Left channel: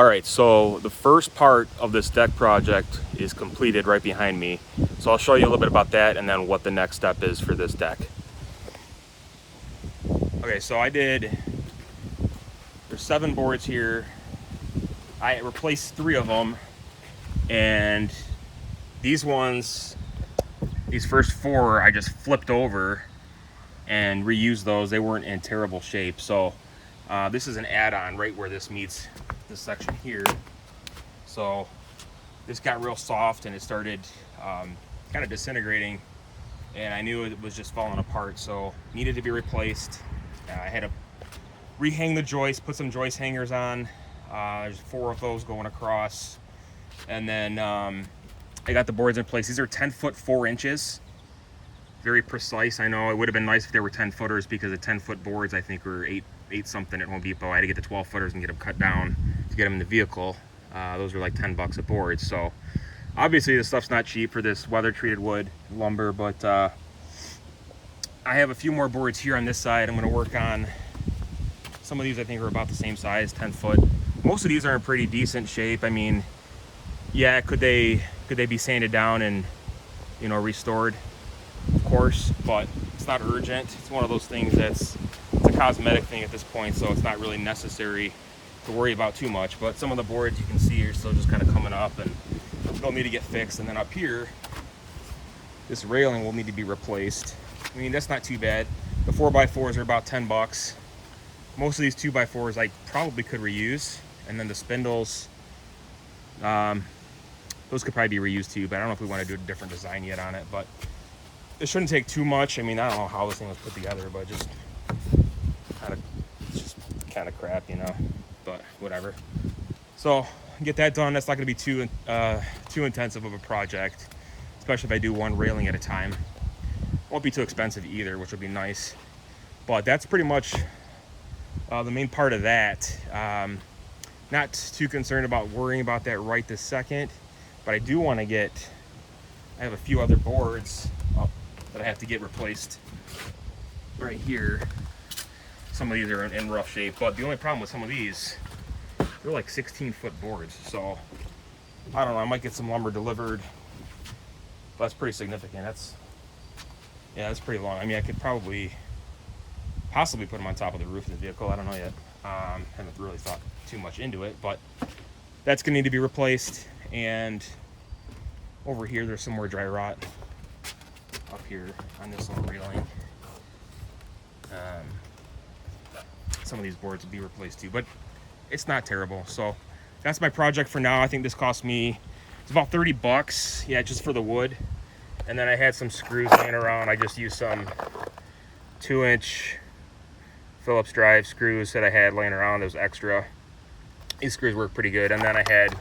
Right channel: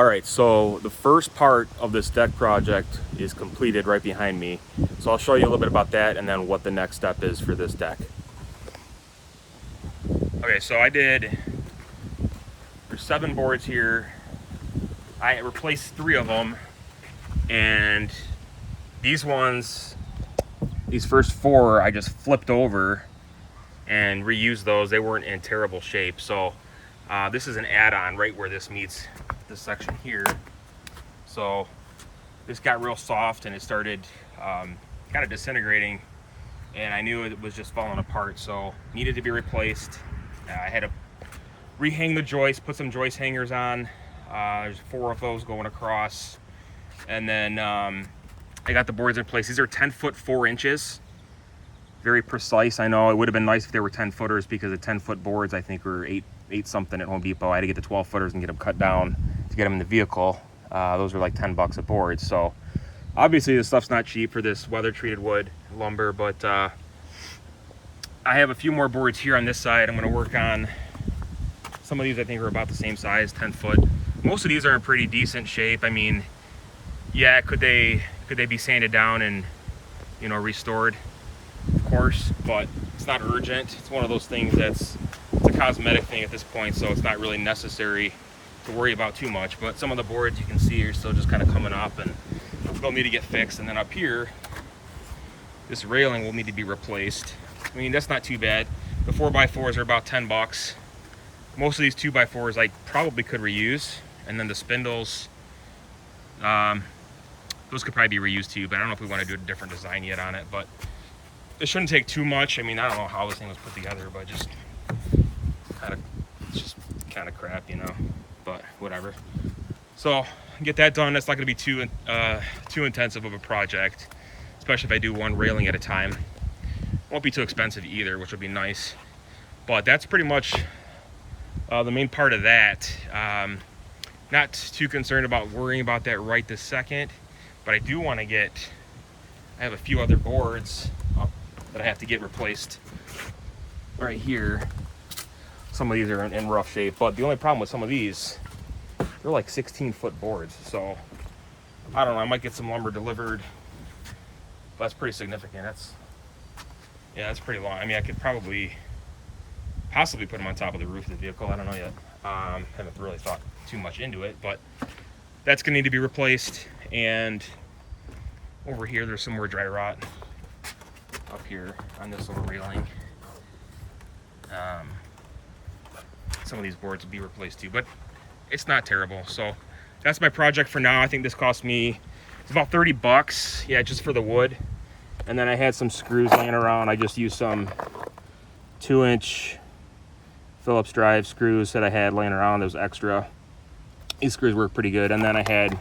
All right, so the first part of this deck project is completed right behind me. So I'll show you a little bit about that and then what the next step is for this deck. Okay, so there's 7 boards here. I replaced 3 of them, and these first 4, I just flipped over and reused those. They weren't in terrible shape. So this is an add-on right where this meets this section here. So this got real soft and it started kind of disintegrating, and I knew it was just falling apart, so needed to be replaced. I had to rehang the joist, put some joist hangers on. There's 4 of those going across, and then I got the boards in place. These are 10 foot 4 inches, very precise. I know it would have been nice if they were 10 footers, because the 10 foot boards I think were 8 something at Home Depot. I had to get the 12 footers and get them cut down to get them in the vehicle. Those were like 10 bucks a board. So obviously this stuff's not cheap for this weather treated wood lumber, but I have a few more boards here on this side. I'm going to work on some of these. I think are about the same size, 10 foot. Most of these are in pretty decent shape. I mean, yeah, could they be sanded down and, you know, restored? Of course, but it's not urgent. It's one of those things it's a cosmetic thing at this point, so it's not really necessary to worry about too much. But some of the boards you can see are still just kind of coming up and they'll need to get fixed. And then up here, this railing will need to be replaced. I mean, that's not too bad. The 4x4s are about 10 bucks. Most of these 2x4s I probably could reuse, and then the spindles, those could probably be reused too, but I don't know if we want to do a different design yet on it. But it shouldn't take too much. I mean, I don't know how this thing was put together, but just kind of crap, you know, but whatever. So get that done. That's not going to be too intensive of a project, especially if I do one railing at a time. Won't be too expensive either, which would be nice. But that's pretty much the main part of that. Not too concerned about worrying about that right this second, but I do want to I have a few other boards that I have to get replaced right here. Some of these are in rough shape, but the only problem with some of these, they're like 16-foot boards. So I don't know, I might get some lumber delivered. That's pretty significant. That's pretty long. I mean, I could possibly put them on top of the roof of the vehicle. I don't know yet. Haven't really thought too much into it, but that's gonna need to be replaced. And over here, there's some more dry rot up here on this little railing. Some of these boards will be replaced too, but it's not terrible. So that's my project for now. I think this cost me, it's about 30 bucks. Yeah, just for the wood. And then I had some screws laying around. I just used some 2-inch Phillips drive screws that I had laying around. Those extra. These screws work pretty good. And then I had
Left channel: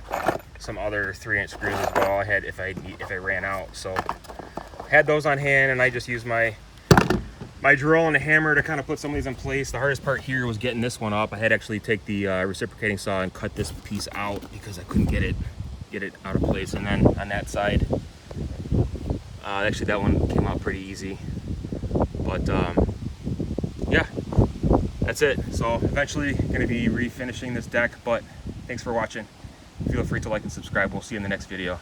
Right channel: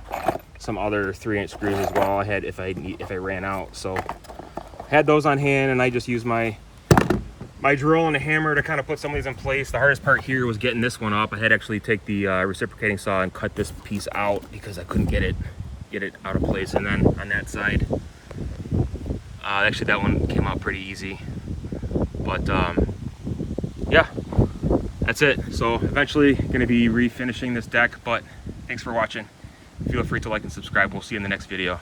some other 3-inch screws as well. I had if I ran out. So I had those on hand, and I just used my drill and a hammer to kind of put some of these in place. The hardest part here was getting this one up. I had to actually take the reciprocating saw and cut this piece out because I couldn't get it out of place. And then on that side, actually that one came out pretty easy. But yeah, that's it. So eventually going to be refinishing this deck, but thanks for watching. Feel free to like and subscribe. We'll see you in the next video.